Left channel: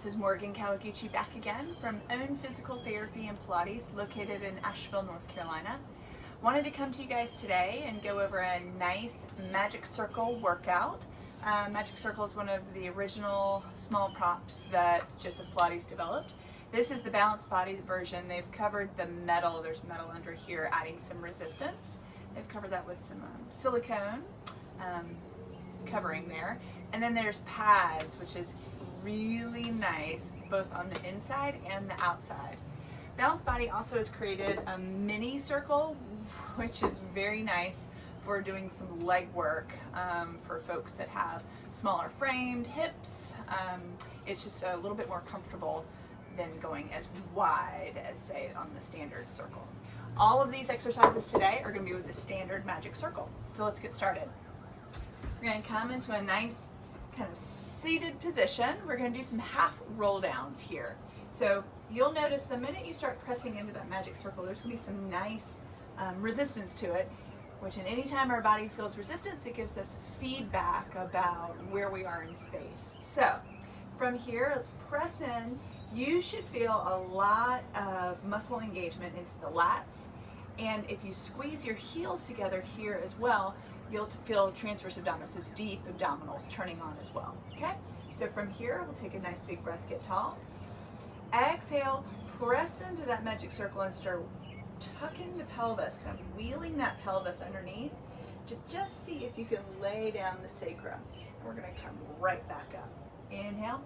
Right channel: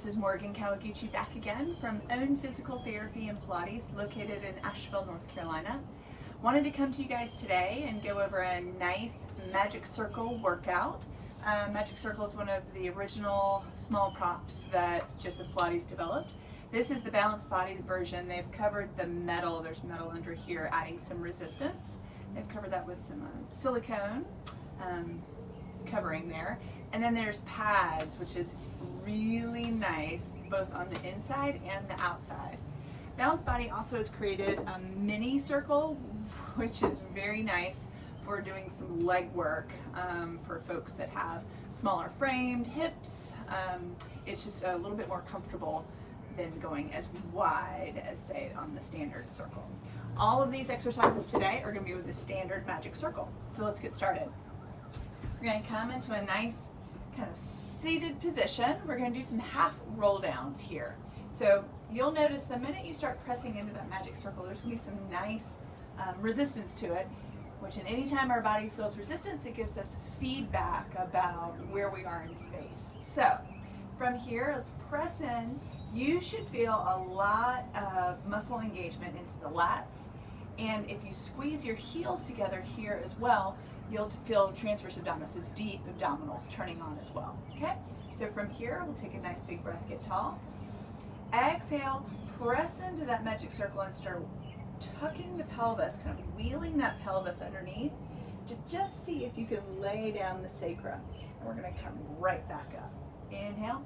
This is Morgan Kawaguchi back again from Own Physical Therapy and Pilates, located in Asheville, North Carolina. Wanted to come to you guys today and go over a nice magic circle workout. Magic circle is one of the original small props that Joseph Pilates developed. This is the balanced body version. They've covered the metal. There's metal under here, adding some resistance. They've covered that with some silicone covering there. And then there's pads, which is really nice, both on the inside and the outside. Balanced Body also has created a mini circle, which is very nice for doing some leg work for folks that have smaller framed hips. It's just a little bit more comfortable than going as wide as, say, on the standard circle. All of these exercises today are going to be with the standard magic circle. So let's get started. We're going to come into a nice kind of seated position. We're going to do some half roll downs here. So you'll notice the minute you start pressing into that magic circle, there's going to be some nice resistance to it, which in any time our body feels resistance, it gives us feedback about where we are in space. So from here, let's press in. You should feel a lot of muscle engagement into the lats. And if you squeeze your heels together here as well, you'll feel transverse abdominis, those deep abdominals turning on as well, okay? So from here, we'll take a nice big breath, get tall. Exhale, press into that magic circle and start tucking the pelvis, kind of wheeling that pelvis underneath to just see if you can lay down the sacrum. And we're gonna come right back up. Inhale,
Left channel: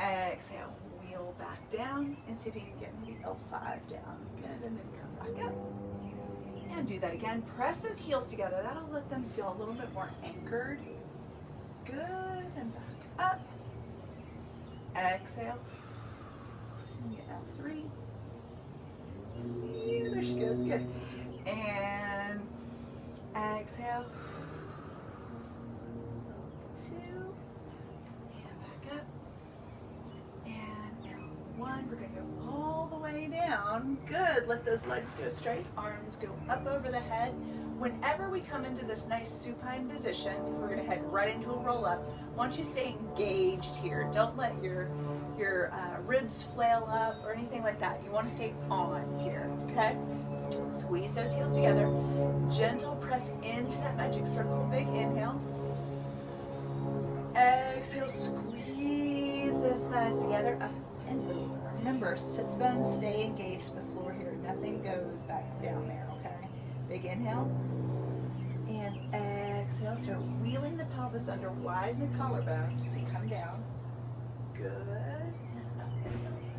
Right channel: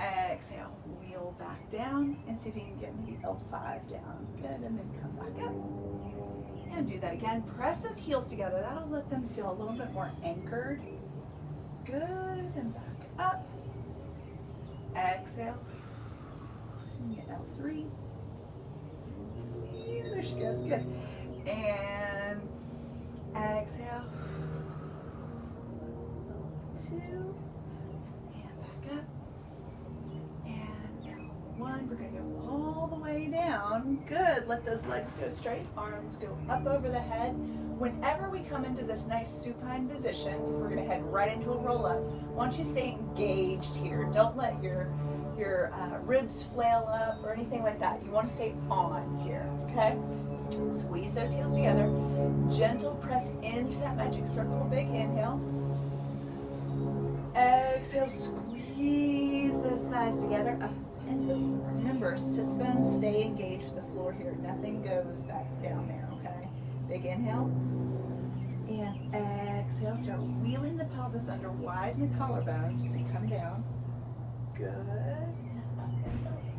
exhale, wheel back down and see if you can get maybe L5 down. Good, and then come back up. And do that again. Press those heels together. That'll let them feel a little bit more anchored. Good, and back up. Exhale. Get L3. Yeah, there she goes, good. And exhale. L2. And back up. And L1. We're gonna go all the way down. Good, let those legs go straight, arms go up over the head. Whenever we come into this nice supine position, we're gonna head right into a roll up. I want you to stay engaged here. Don't let your ribs flail up or anything like that. You wanna stay on here, okay? Squeeze those heels together. Gentle press into that magic circle. Big inhale. Exhale, squeeze those thighs together. Up and over. Remember, sits bone, stay engaged with the floor here. Nothing goes back down there, okay? Big inhale. And exhale, start wheeling the pelvis under, widen the collarbones as you come down. Good. And up and over.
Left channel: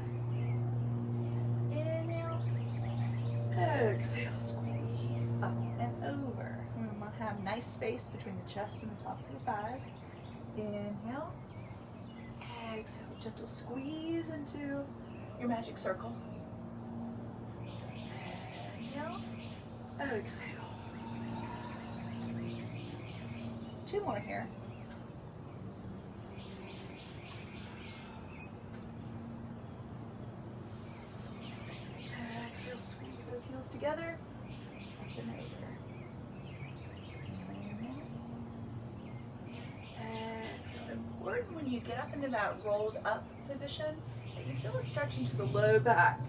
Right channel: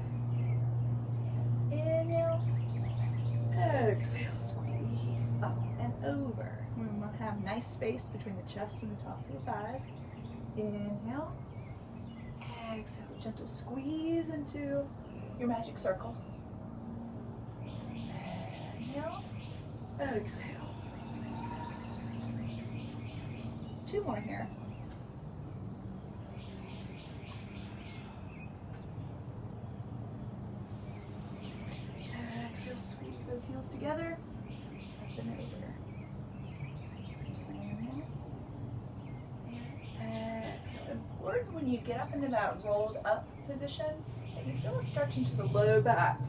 Inhale. Exhale, squeeze up and over. We want to have nice space between the chest and the top of the thighs. Inhale. Exhale, gentle squeeze into your magic circle. Inhale. Exhale. 2 more here. Exhale, squeeze those heels together. Up and over. Important when you get up into that rolled up position that you feel a stretch into the low back,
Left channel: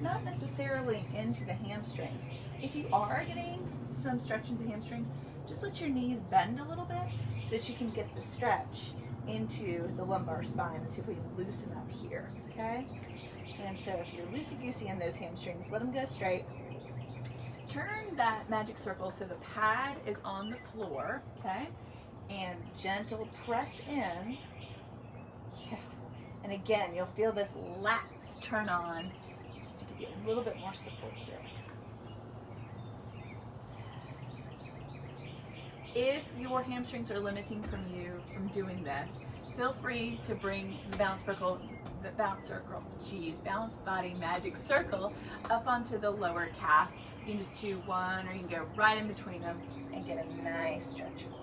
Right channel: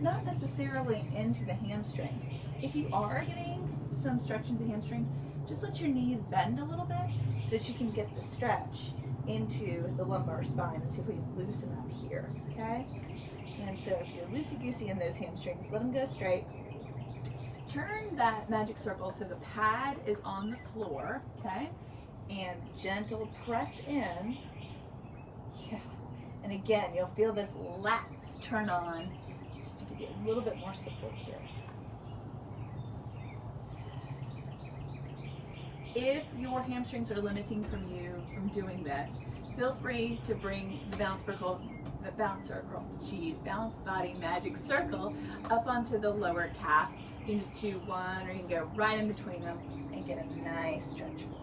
not necessarily into the hamstrings. If you are getting some stretch into the hamstrings, just let your knees bend a little bit so that you can get the stretch into the lumbar spine. Let's see if we can loosen up here, okay? And so if you're loosey-goosey in those hamstrings, let them go straight. Turn that magic circle so the pad is on the floor, okay? And gentle press in. Yeah. And again, you'll feel those lats turn on just to give you a little bit more support here. If your hamstrings are limiting you from doing this, feel free to bring the balance body magic circle up onto the lower calf. You can just do one, or you can go right in between them and get a nice stretch forward.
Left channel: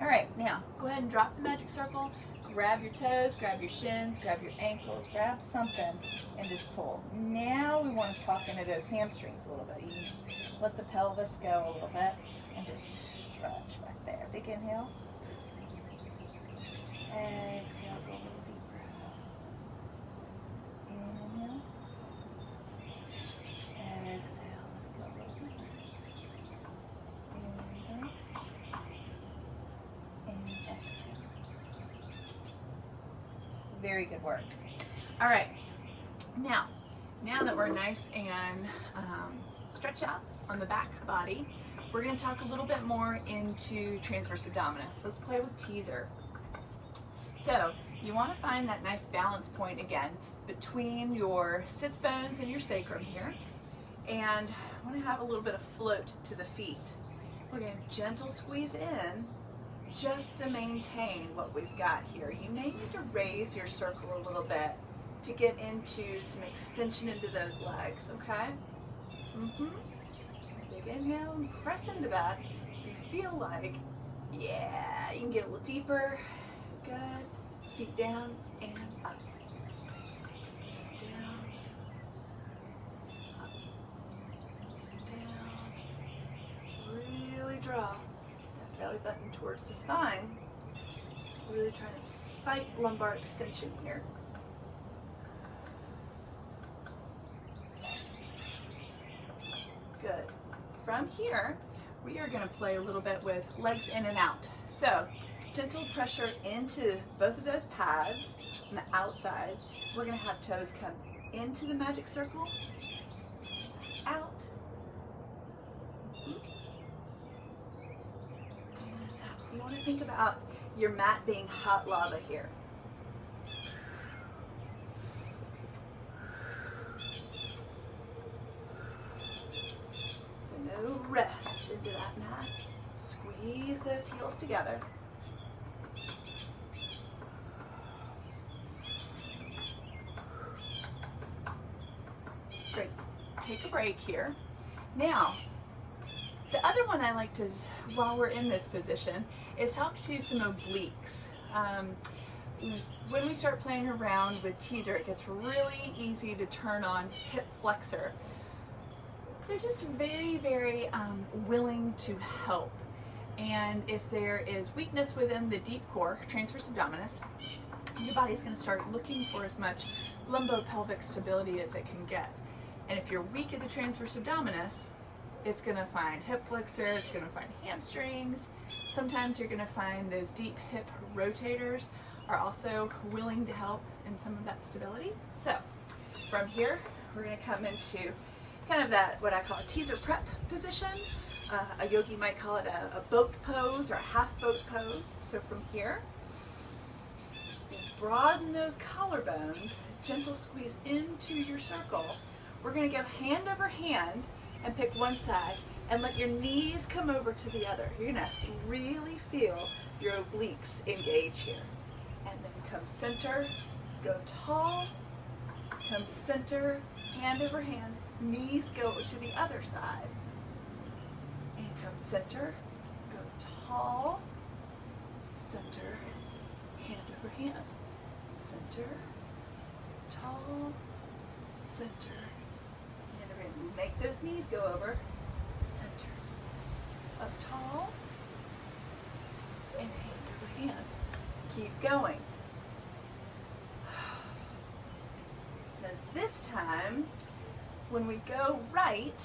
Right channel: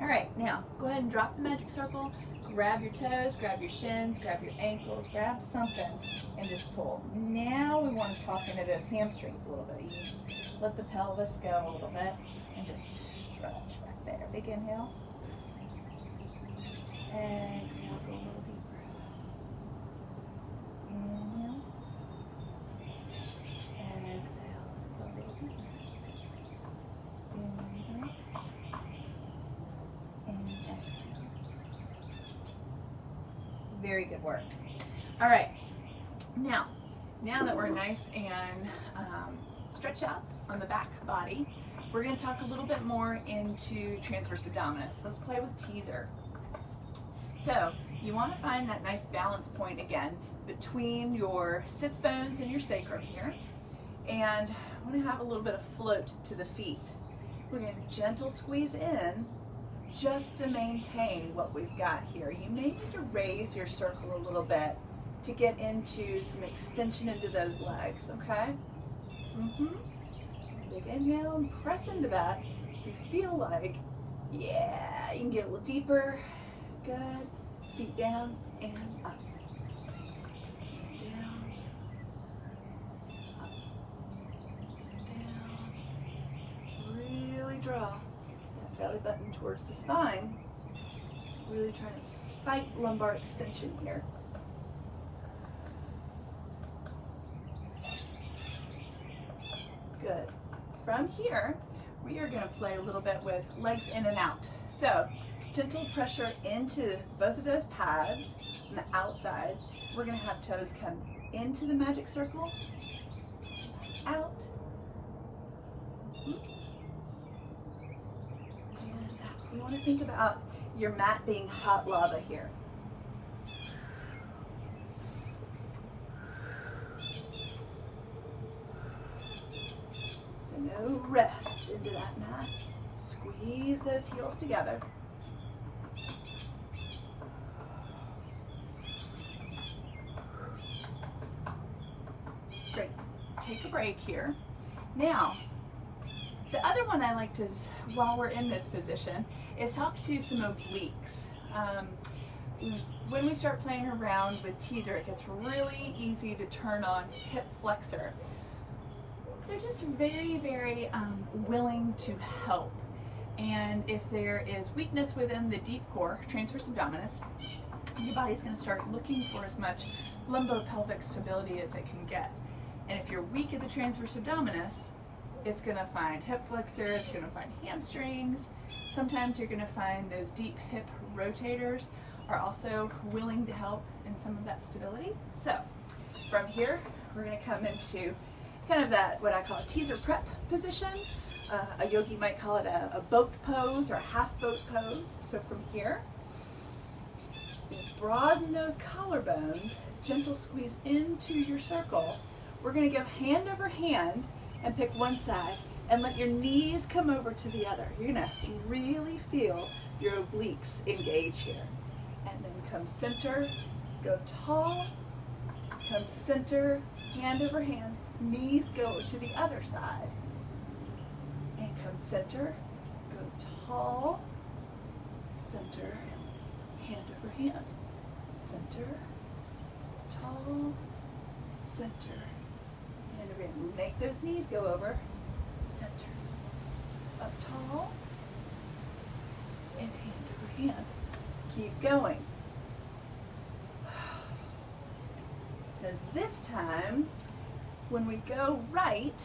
All right, now go ahead and drop the magic circle, grab your toes, grab your shins, grab your ankles, grab something, and just pull. Now we want to talk into those hamstrings a little bit. You let the pelvis go a little bit and just stretch back there. Big inhale. Very good work. All right, now that we're nice and stretched out on the back body, we're going to talk a little bit more into transverse abdominis. Let's play with teaser. So you want to find that nice balance point again between your sits bones and your sacrum here, and I want to have a little bit of float to the feet. We're going to gentle squeeze in just to maintain what we've got here. You may need to raise your circle a little bit to get into some extension into those legs, okay? Big inhale and press into that. If you feel like, yeah, you can get a little deeper. Good. Feet down and up. Down. Up. Down. Really draw that belly button towards the spine. Really trying to fight lumbar extension here. Good. From here, we are going to play a little bit with legs in and out. So, gentle pressure into both of those pads on the outsides. We're going to have toes come into the magic circle, out, and out. You want to think about your mat being hot lava here. No rest into that mat. Squeeze those heels together. Great. Take a break here. Now, the other one I like to, while we're in this position, is talk to some obliques. When we start playing around with teaser, it gets really easy to turn on hip flexor. They're just very, very willing to help. And if there is weakness within the deep core, transverse abdominis, your body's going to start looking for as much lumbopelvic stability as it can get. And if you're weak at the transverse abdominis, it's going to find hip flexor, it's going to find hamstrings. Sometimes you're going to find those deep hip rotators are also willing to help in some of that stability. So from here, we're going to come into kind of that, what I call a teaser prep position. A yogi might call it a boat pose or a half boat pose. So from here, broaden those collarbones, gentle squeeze into your circle. We're going to go hand over hand and pick one side and let your knees come over to the other. You're going to really feel your obliques engage here. And then come center, go tall, come center, hand over hand. Knees go to the other side. And come center, go tall, center, hand over hand. Center, tall, center, hand over hand. Make those knees go over. Center, up tall, and hand over hand. Keep going. As this time, when we go right,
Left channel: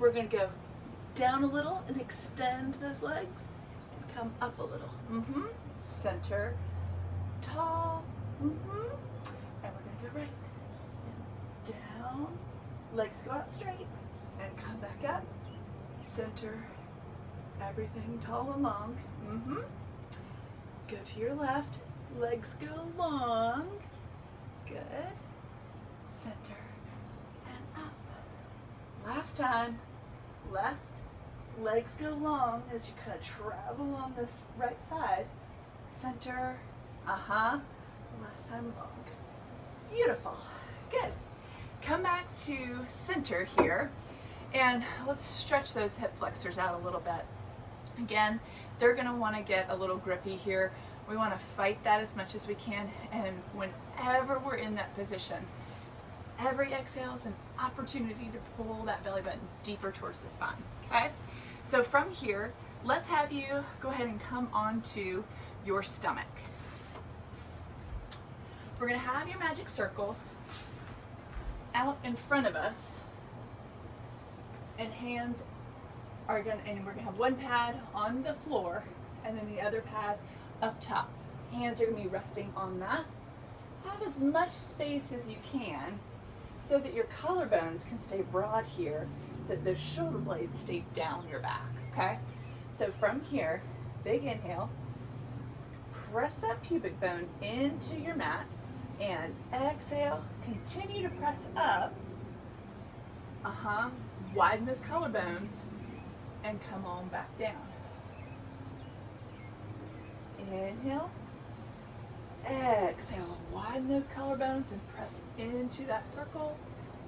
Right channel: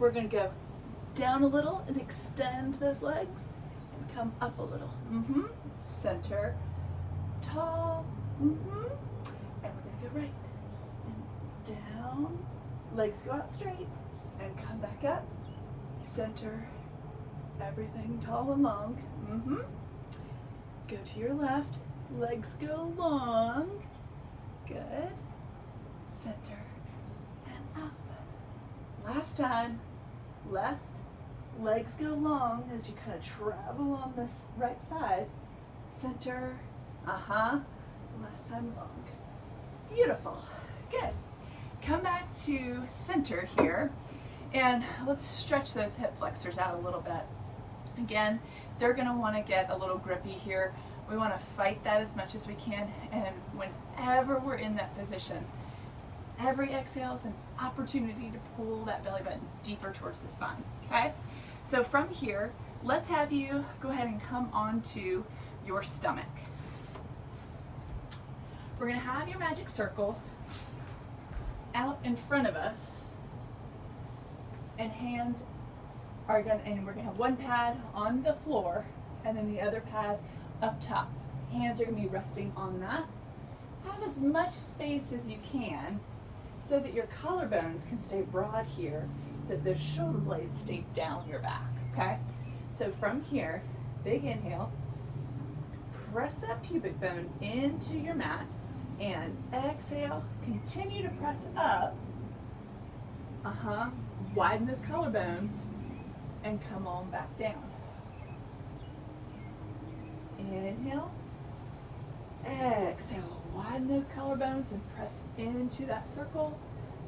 we're going to go down a little and extend those legs and come up a little. Center, tall, and we're going to go right and down. Legs go out straight and come back up. Center, everything tall and long. Go to your left. Legs go long. Good. Center and up. Last time, left, legs go long as you kind of travel on this right side. Center, last time long. Beautiful, good. Come back to center here, and let's stretch those hip flexors out a little bit. Again, they're gonna wanna get a little grippy here. We wanna fight that as much as we can, and whenever we're in that position, every exhale is an opportunity to pull that belly button deeper towards the spine, okay? So from here, let's have you go ahead and come onto your stomach. We're gonna have your magic circle out in front of us, and hands are gonna, and we're gonna have one pad on the floor, and then the other pad up top. Hands are going to be resting on the mat. Have as much space as you can so that your collarbones can stay broad here, so that those shoulder blades stay down your back, okay? So from here, big inhale, press that pubic bone into your mat, and exhale, continue to press up. Widen those collarbones and come on back down. Inhale, exhale, widen those collarbones and press into that circle.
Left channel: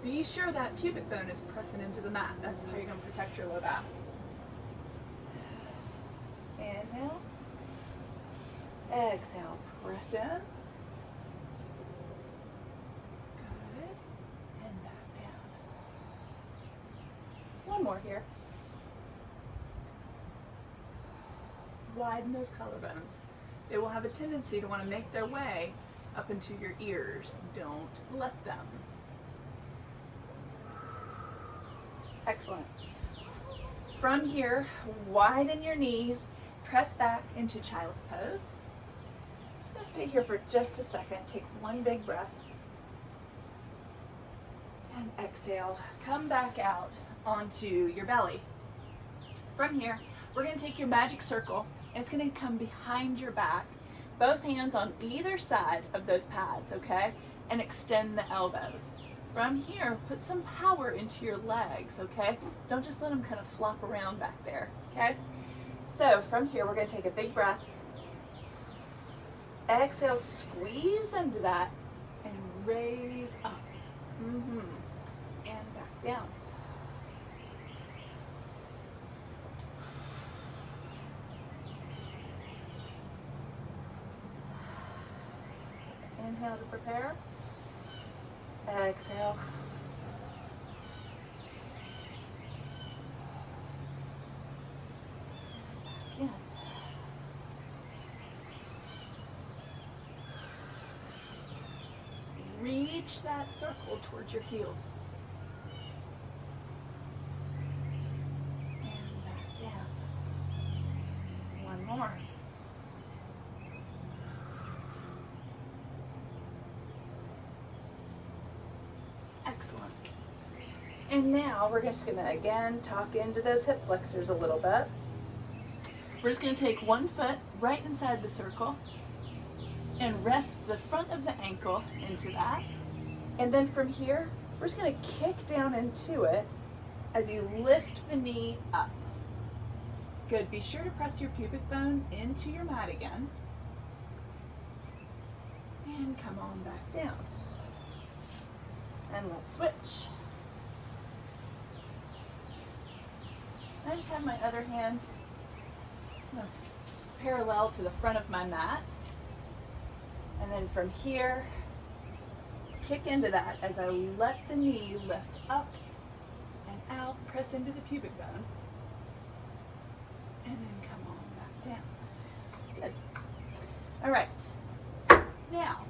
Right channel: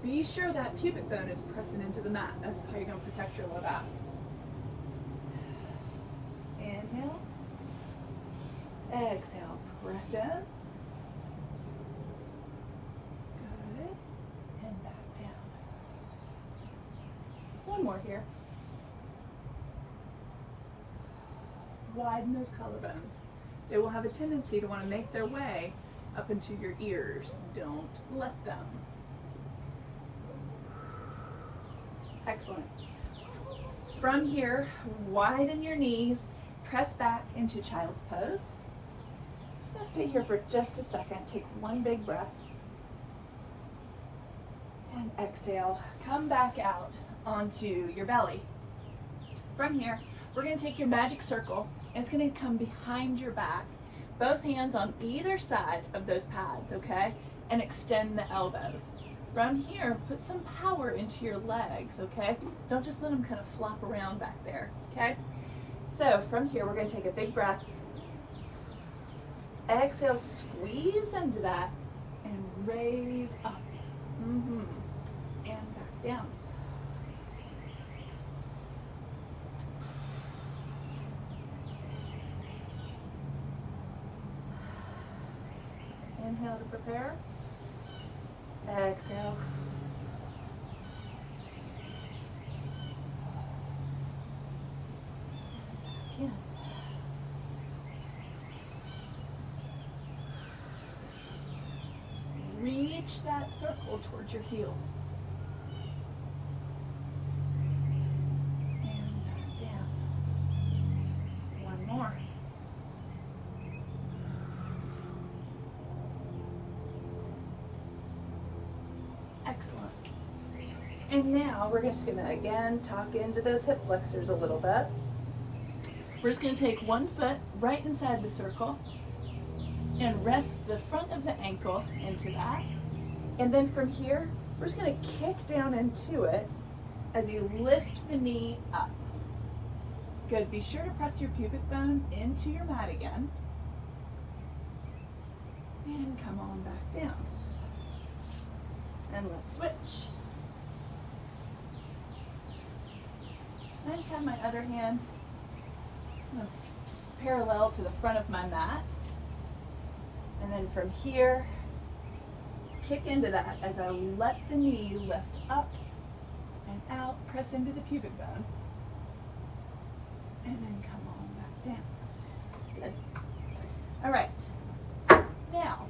Be sure that pubic bone is pressing into the mat. That's how you're going to protect your low back. Inhale, exhale, press in. Good. And back down. One more here. Widen those collarbones. They will have a tendency to want to make their way up into your ears. Don't let them. Excellent. From here, widen your knees, press back into child's pose. Just going to stay here for just a second. Take one big breath. And exhale. Come back out onto your belly. From here, we're going to take your magic circle, and it's going to come behind your back. Both hands on either side of those pads, okay? And extend the elbows. From here, put some power into your legs, okay? Don't just let them kind of flop around back there, okay? So from here, we're going to take a big breath. Exhale, squeeze into that, and raise up. And back down. Inhale to prepare. Exhale. Again. Reach that circle towards your heels. And back down. One more. Excellent. And now we're just going to again talk into those hip flexors a little bit. We're just going to take one foot right inside the circle and rest the front of the ankle into that. And then from here, we're just going to kick down into it as you lift the knee up. Good. Be sure to press your pubic bone into your mat again. And come on back down. And let's switch. I just have my other hand parallel to the front of my mat. And then from here, kick into that as I let the knee lift up and out, press into the pubic bone. And then come on back down. Good. All right. Now,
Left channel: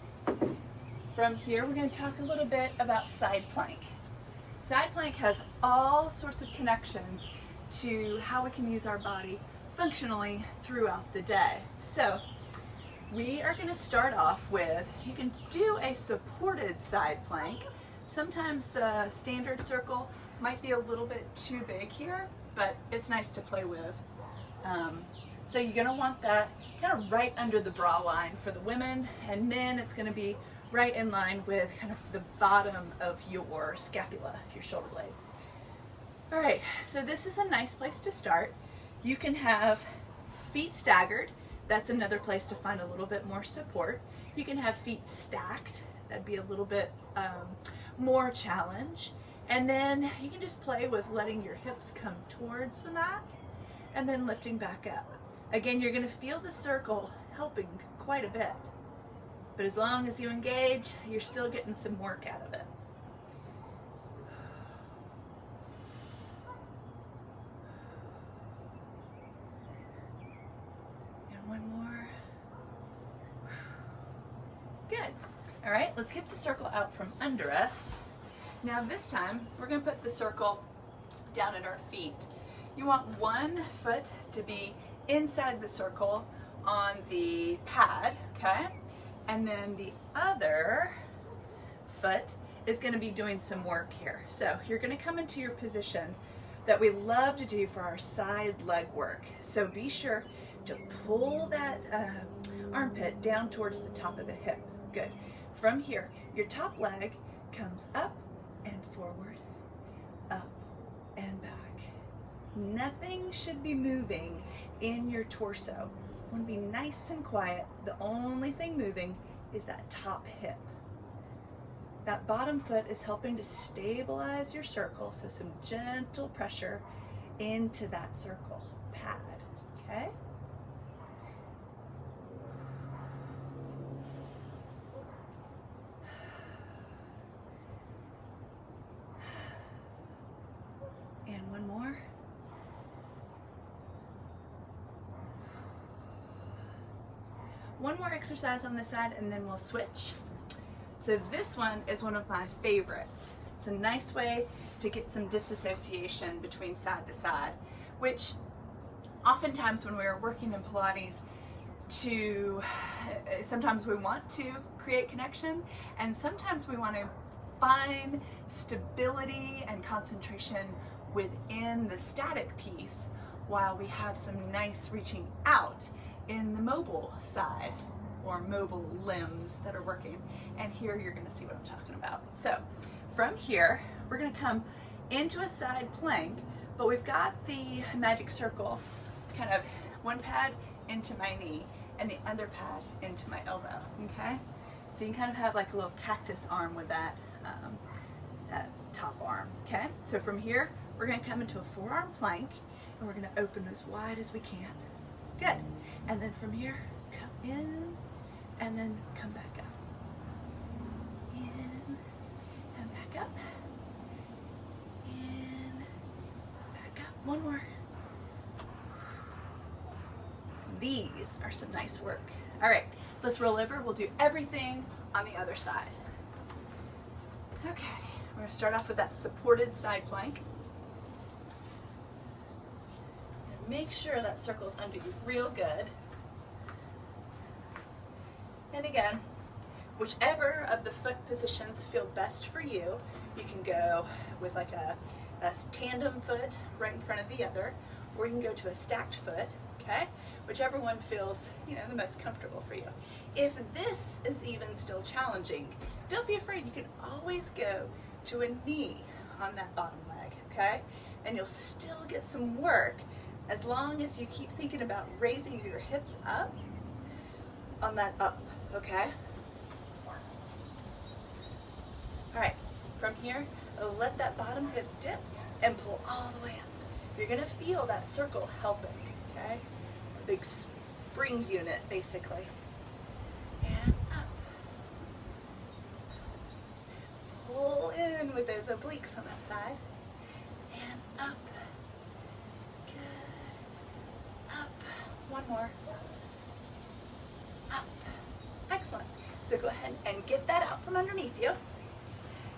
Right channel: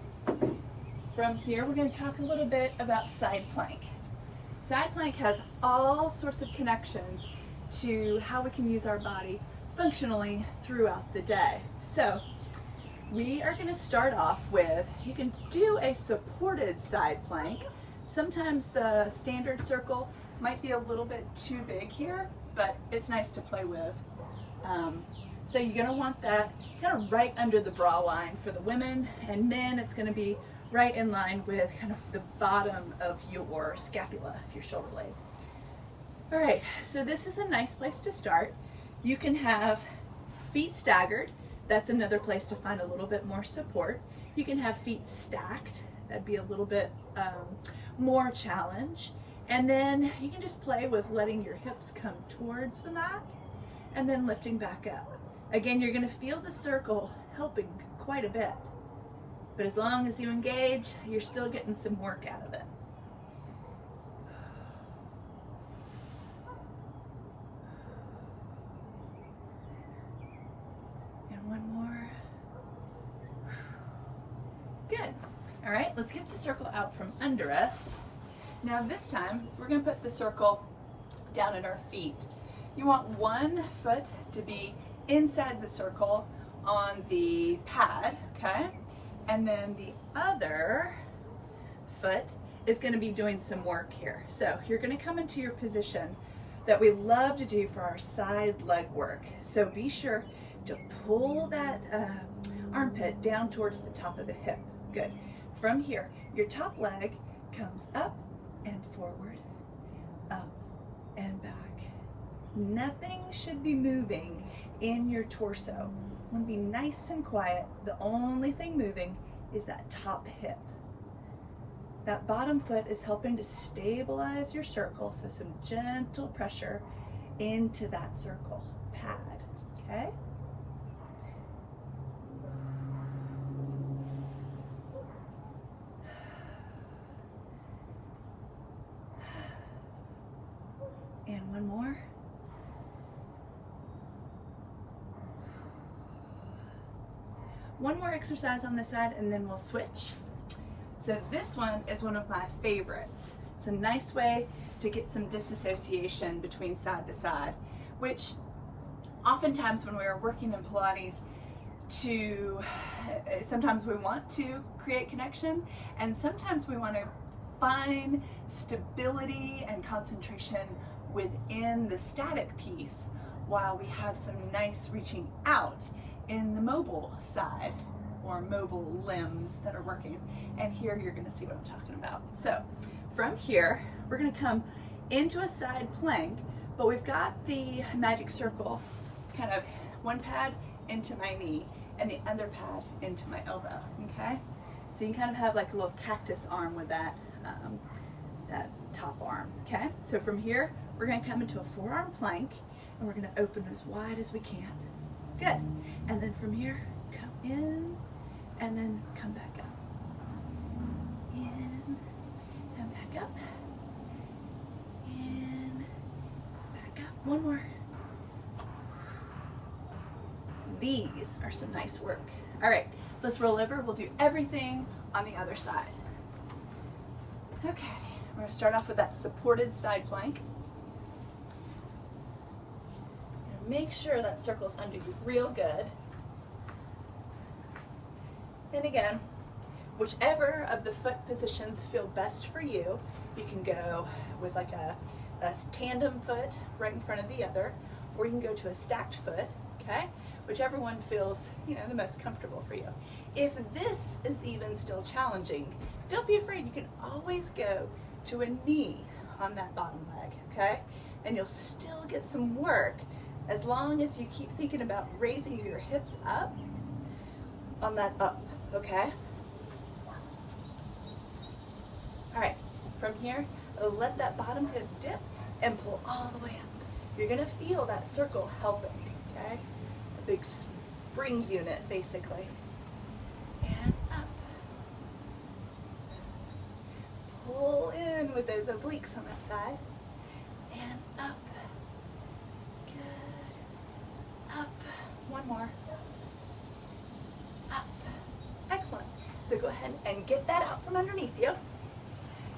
from here, we're going to talk a little bit about side plank. Side plank has all sorts of connections to how we can use our body functionally throughout the day. So we are going to start off with, you can do a supported side plank. Sometimes the standard circle might be a little bit too big here, but it's nice to play with. So you're going to want that kind of right under the bra line for the women, and men it's going to be right in line with kind of the bottom of your scapula, your shoulder blade. All right, so this is a nice place to start. You can have feet staggered. That's another place to find a little bit more support. You can have feet stacked. That'd be a little bit more challenge. And then you can just play with letting your hips come towards the mat and then lifting back up. Again, you're going to feel the circle helping quite a bit. But as long as you engage, you're still getting some work out of it. And one more. Good. All right, let's get the circle out from under us. Now this time, we're going to put the circle down at our feet. You want one foot to be inside the circle on the pad, okay? And then the other foot is going to be doing some work here. So you're going to come into your position that we love to do for our side leg work. So be sure to pull that armpit down towards the top of the hip. Good. From here, your top leg comes up and forward, up and back. Nothing should be moving in your torso. You want to be nice and quiet. The only thing moving is that top hip. That bottom foot is helping to stabilize your circle, so some gentle pressure into that circle pad, okay? And one more. One more exercise on this side and then we'll switch. So this one is one of my favorites. It's a nice way to get some disassociation between side to side, which oftentimes when we're working in Pilates, sometimes we want to create connection and sometimes we want to find stability and concentration within the static piece while we have some nice reaching out in the mobile side or mobile limbs that are working. And here you're going to see what I'm talking about. So from here, we're going to come into a side plank, but we've got the magic circle kind of one pad into my knee and the other pad into my elbow, okay? So you kind of have like a little cactus arm with that, that top arm, okay? So from here, we're going to come into a forearm plank and we're going to open as wide as we can. Good. And then from here, come in and then come back up. In and back up. In, back up. One more. These are some nice work. All right, let's roll over. We'll do everything on the other side. Okay, we're going to start off with that supported side plank. Make sure that circle's under you real good. And again, whichever of the foot positions feel best for you, you can go with like a tandem foot right in front of the other, or you can go to a stacked foot, okay? Whichever one feels, the most comfortable for you. If this is even still challenging, don't be afraid. You can always go to a knee on that bottom leg, okay? And you'll still get some work as long as you keep thinking about raising your hips up on that up, okay? All right, from here, let that bottom hip dip and pull all the way up. You're gonna feel that circle helping, okay? A big spring unit, basically. And up. Pull in with those obliques on that side. And up. Up, one more, up, excellent. So go ahead and get that out from underneath you.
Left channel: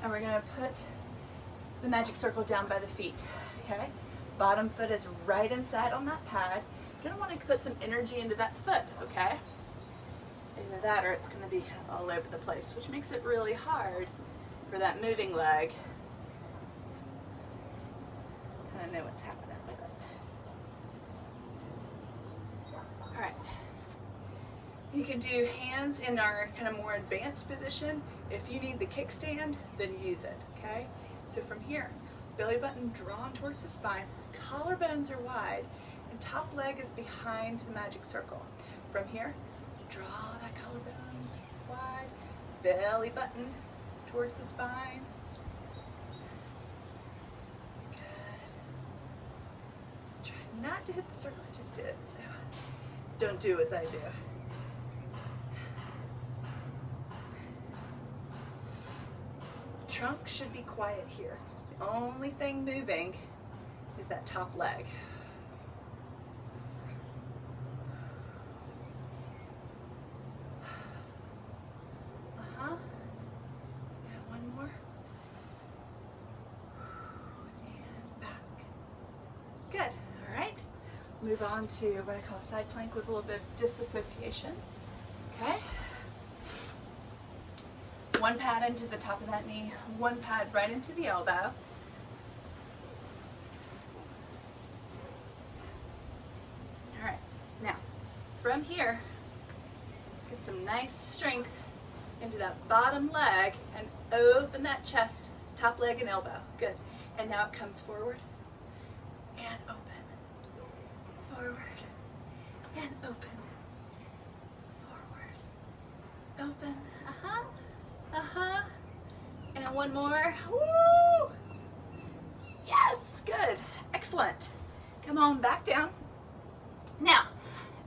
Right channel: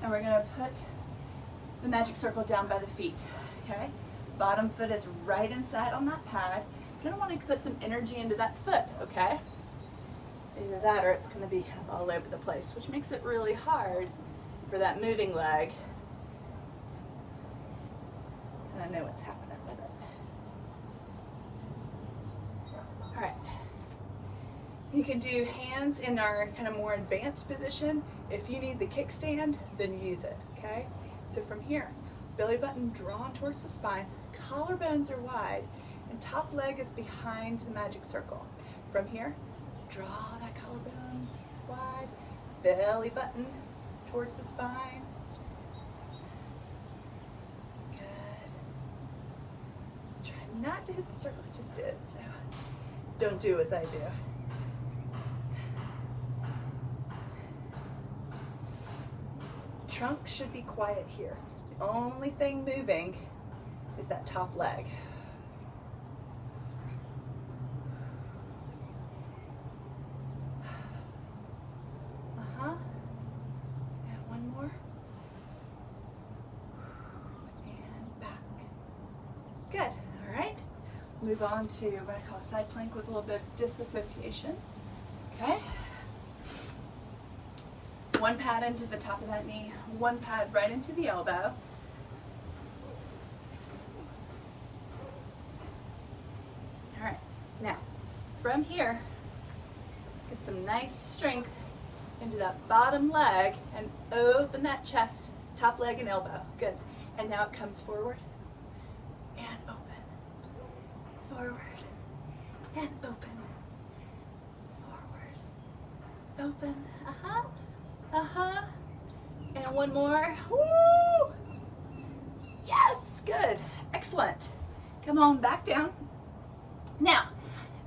And we're gonna put the magic circle down by the feet, okay? Bottom foot is right inside on that pad. You're gonna wanna put some energy into that foot, okay? Either that or it's gonna be kind of all over the place, which makes it really hard for that moving leg. Kind of know what's happening with it. All right, you can do hands in our kind of more advanced position. If you need the kickstand, then use it, okay? So from here, belly button drawn towards the spine, collarbones are wide, and top leg is behind the magic circle. From here, draw that collarbones wide, belly button towards the spine. Good. Try not to hit the circle I just did, so don't do as I do. Trunk should be quiet here. The only thing moving is that top leg. And one more. And back. Good. All right. Move on to what I call a side plank with a little bit of disassociation. Okay. one pad into the top of that knee, one pad right into the elbow. All right, now from here, get some nice strength into that bottom leg and open that chest, top leg and elbow. Good. And now it comes forward and open. Forward and open. Forward. Open. Uh-huh. Uh-huh. And one more. Woo! Yes, good. Excellent. Come on back down. Now,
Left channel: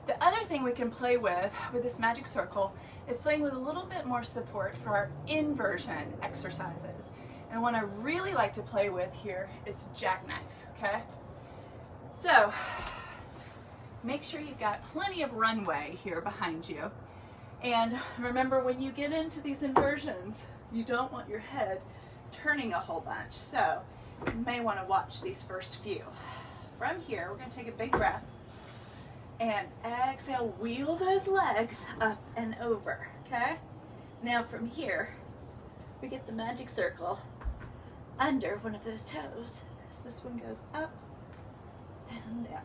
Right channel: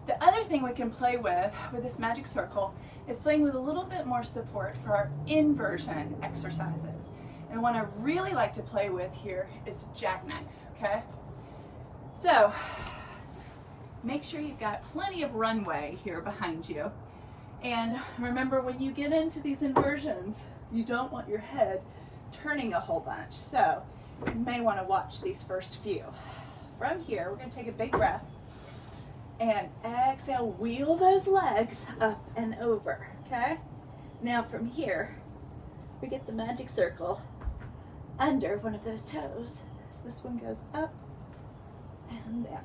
the other thing we can play with this magic circle is playing with a little bit more support for our inversion exercises. And one I really like to play with here is jackknife, okay? So, make sure you've got plenty of runway here behind you. And remember, when you get into these inversions, you don't want your head turning a whole bunch. So, you may want to watch these first few. From here, we're going to take a big breath. And exhale, wheel those legs up and over, okay? Now from here, we get the magic circle under one of those toes as this one goes up and down.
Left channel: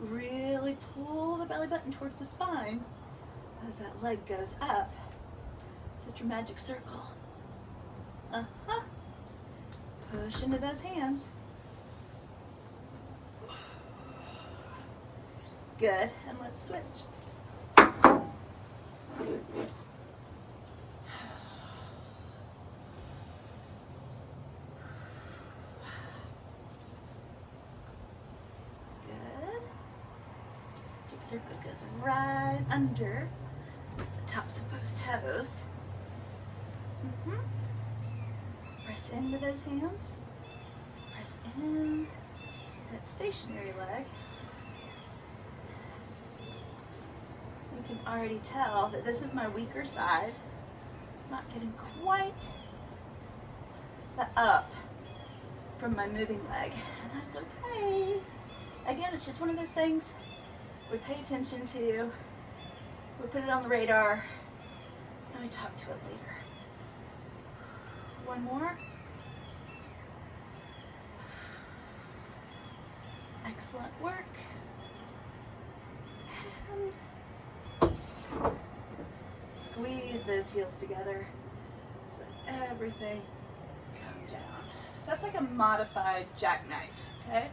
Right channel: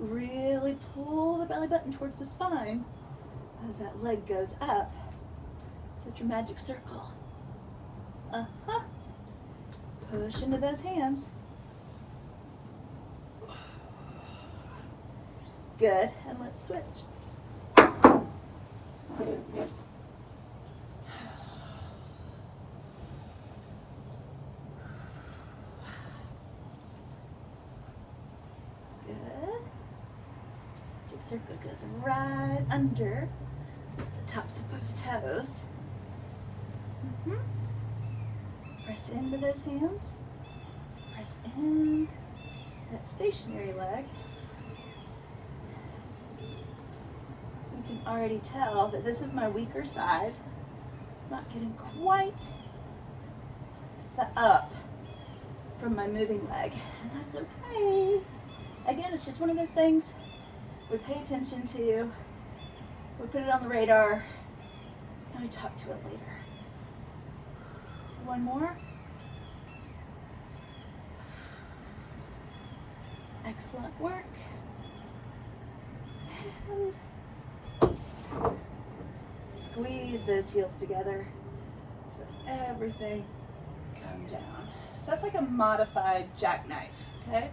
Really pull the belly button towards the spine as that leg goes up. Set your magic circle. Uh-huh. Push into those hands. Good, and let's switch. Good. Magic circle goes right under the tops of those toes. Press into those hands. Press in that stationary leg. You can already tell that this is my weaker side. I'm not getting quite the up from my moving leg. And that's okay. Again, it's just one of those things we pay attention to. We put it on the radar and we talk to it later. One more. Excellent work. And squeeze those heels together so that everything comes down. So that's like a modified jackknife, okay?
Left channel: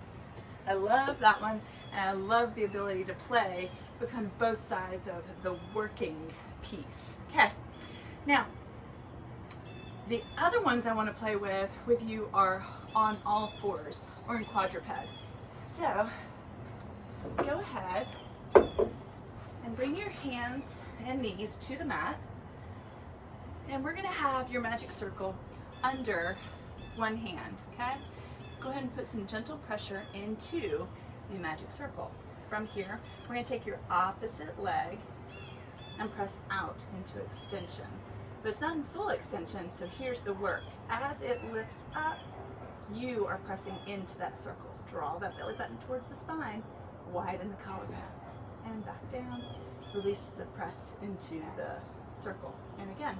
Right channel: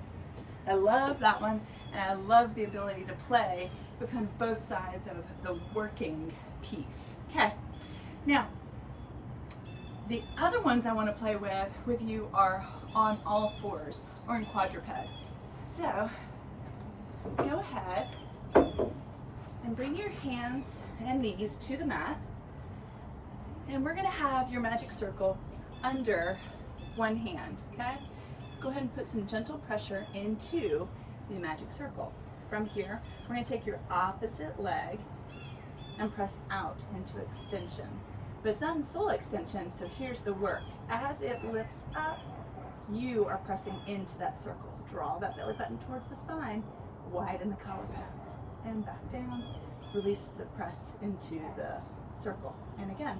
I love that one, and I love the ability to play with kind of both sides of the working piece. Okay, now, the other ones I want to play with you are on all fours or in quadruped. So go ahead and bring your hands and knees to the mat, and we're going to have your magic circle under one hand, okay? Go ahead and put some gentle pressure into the magic circle. From here, we're going to take your opposite leg and press out into extension. But it's not in full extension, so here's the work. As it lifts up, you are pressing into that circle. Draw that belly button towards the spine, widen the collarbones, and back down. Release the press into the circle. And again.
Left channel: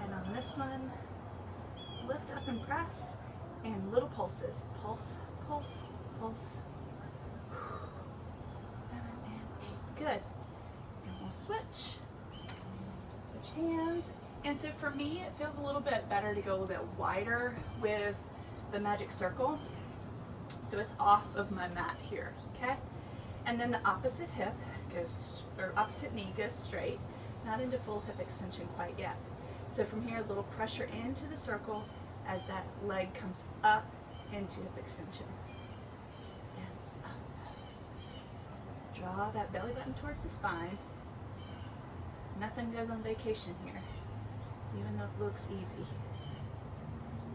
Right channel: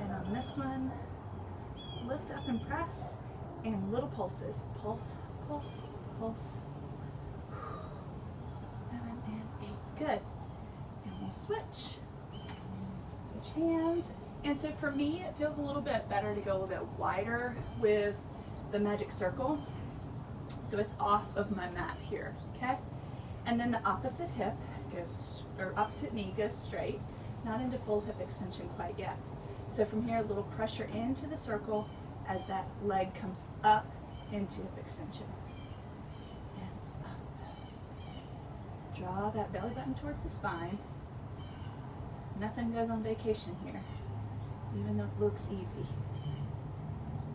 And on this one, lift up and press, and little pulses. Pulse, pulse, pulse. 7 and 8. Good. And we'll switch. Switch hands. And so for me, it feels a little bit better to go a little bit wider with the magic circle. So it's off of my mat here, okay? And then the opposite hip goes, or opposite knee goes straight, not into full hip extension quite yet. So from here, a little pressure into the circle as that leg comes up into hip extension. And up. Draw that belly button towards the spine. Nothing goes on vacation here, even though it looks easy.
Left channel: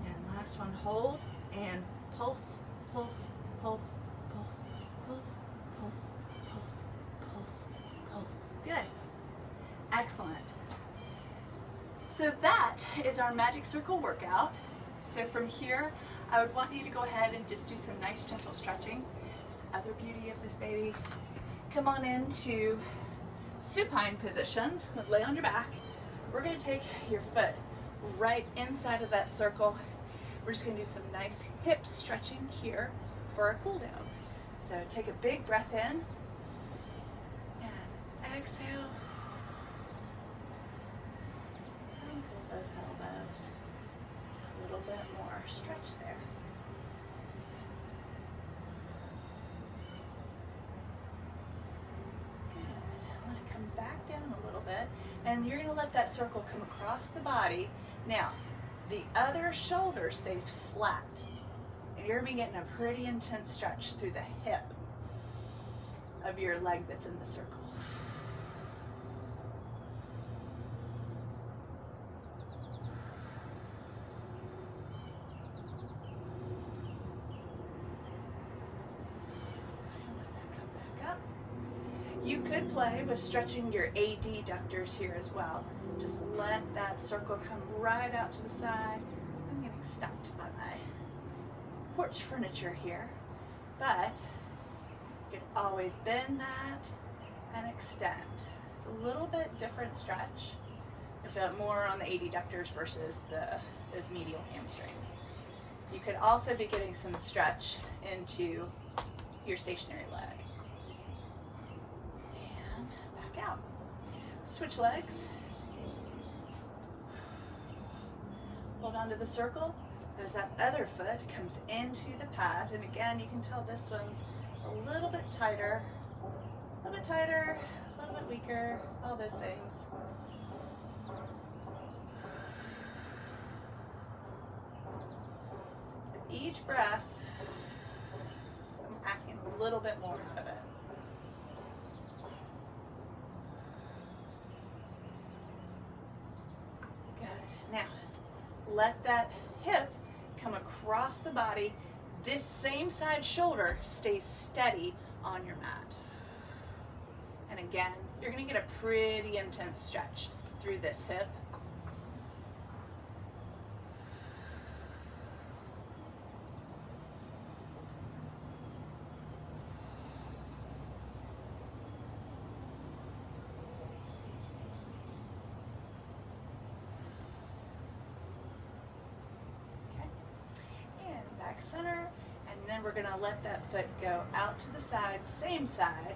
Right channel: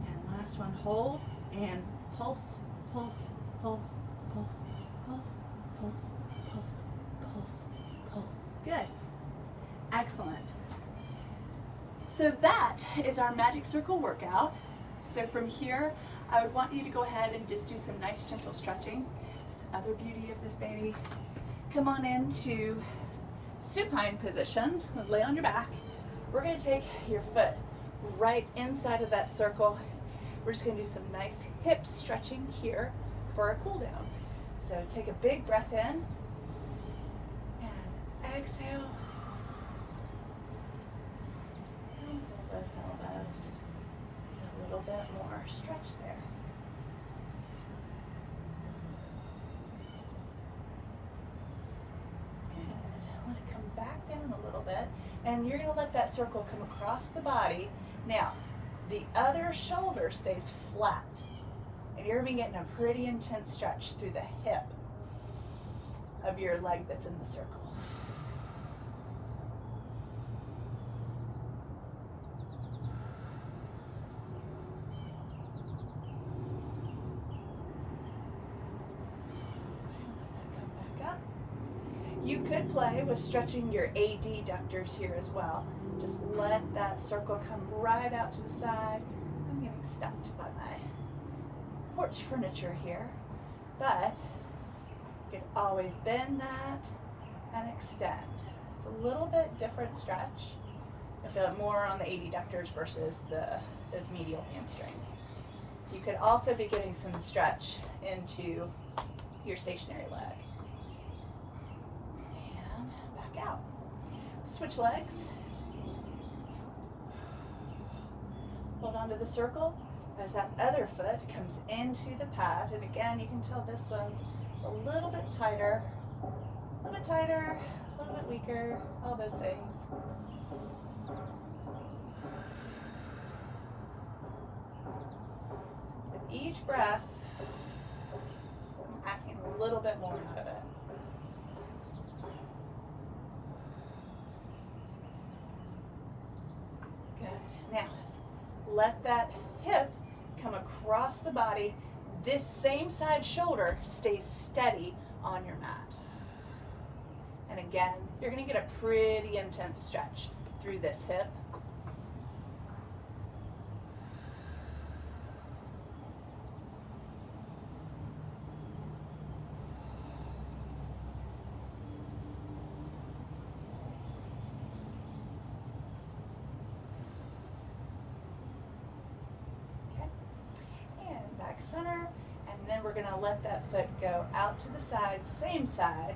And last one, hold and pulse, pulse, pulse, pulse, pulse, pulse, pulse, pulse, pulse. Good. Excellent. So that is our magic circle workout. So from here, I would want you to go ahead and just do some nice gentle stretching. That's the other beauty of this baby. Come on into supine position, lay on your back. We're gonna take your foot right inside of that circle. We're just gonna do some nice hip stretching here for a cool down. So take a big breath in and exhale. And pull those elbows. A little bit more stretch there. Good. Let it come back down a little bit. And you're going to let that circle come across the body. Now, the other shoulder stays flat. And you're going to be getting a pretty intense stretch through the hip of your leg that's in the circle. You could play with stretching your adductors here as well. Just let that circle come right out to the side. I'm getting stuffed by my porch furniture here, but you could always bend that and extend. It's a little bit different stretch. I feel it more on the adductors versus those medial hamstrings. You could also be getting some stretch into your stationary leg. Out. Switch legs. Hold on to the circle as that other foot comes into the pad. And again, you can tell this one's a little bit tighter, a little bit weaker, all those things. With each breath, I'm asking a little bit more out of it. Now, let that hip come across the body. This same side shoulder stays steady on your mat. And again, you're going to get a pretty intense stretch through this hip. Center, and then we're going to let that foot go out to the side, same side.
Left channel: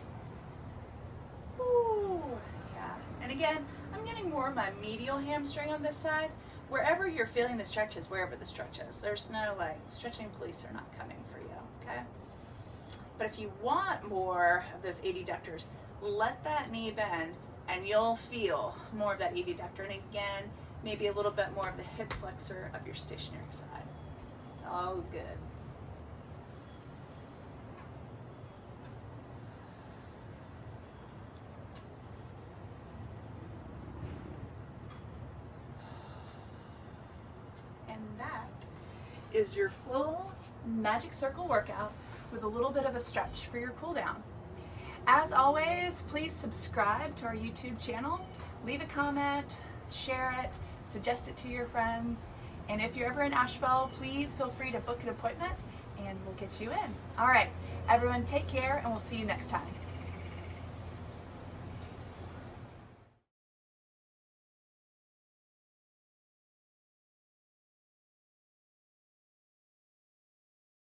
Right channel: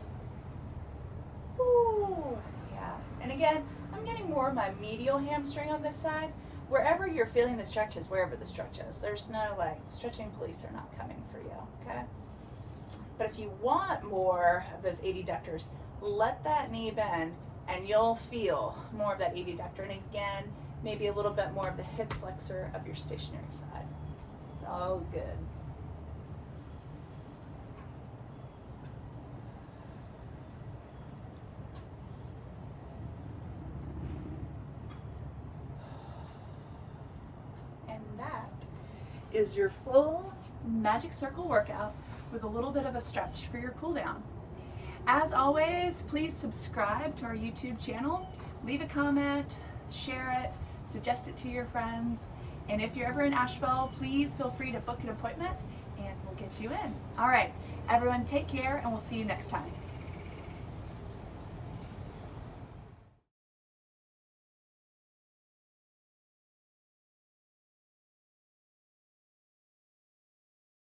Ooh, yeah. And again, I'm getting more of my medial hamstring on this side. Wherever you're feeling the stretches, wherever the stretch is, there's no like stretching police are not coming for you, okay? But if you want more of those adductors, let that knee bend and you'll feel more of that adductor. And again, maybe a little bit more of the hip flexor of your stationary side. All good. And that is your full magic circle workout with a little bit of a stretch for your cool down. As always, please subscribe to our YouTube channel, leave a comment, share it, suggest it to your friends. And if you're ever in Asheville, please feel free to book an appointment and we'll get you in. All right, everyone, take care and we'll see you next time.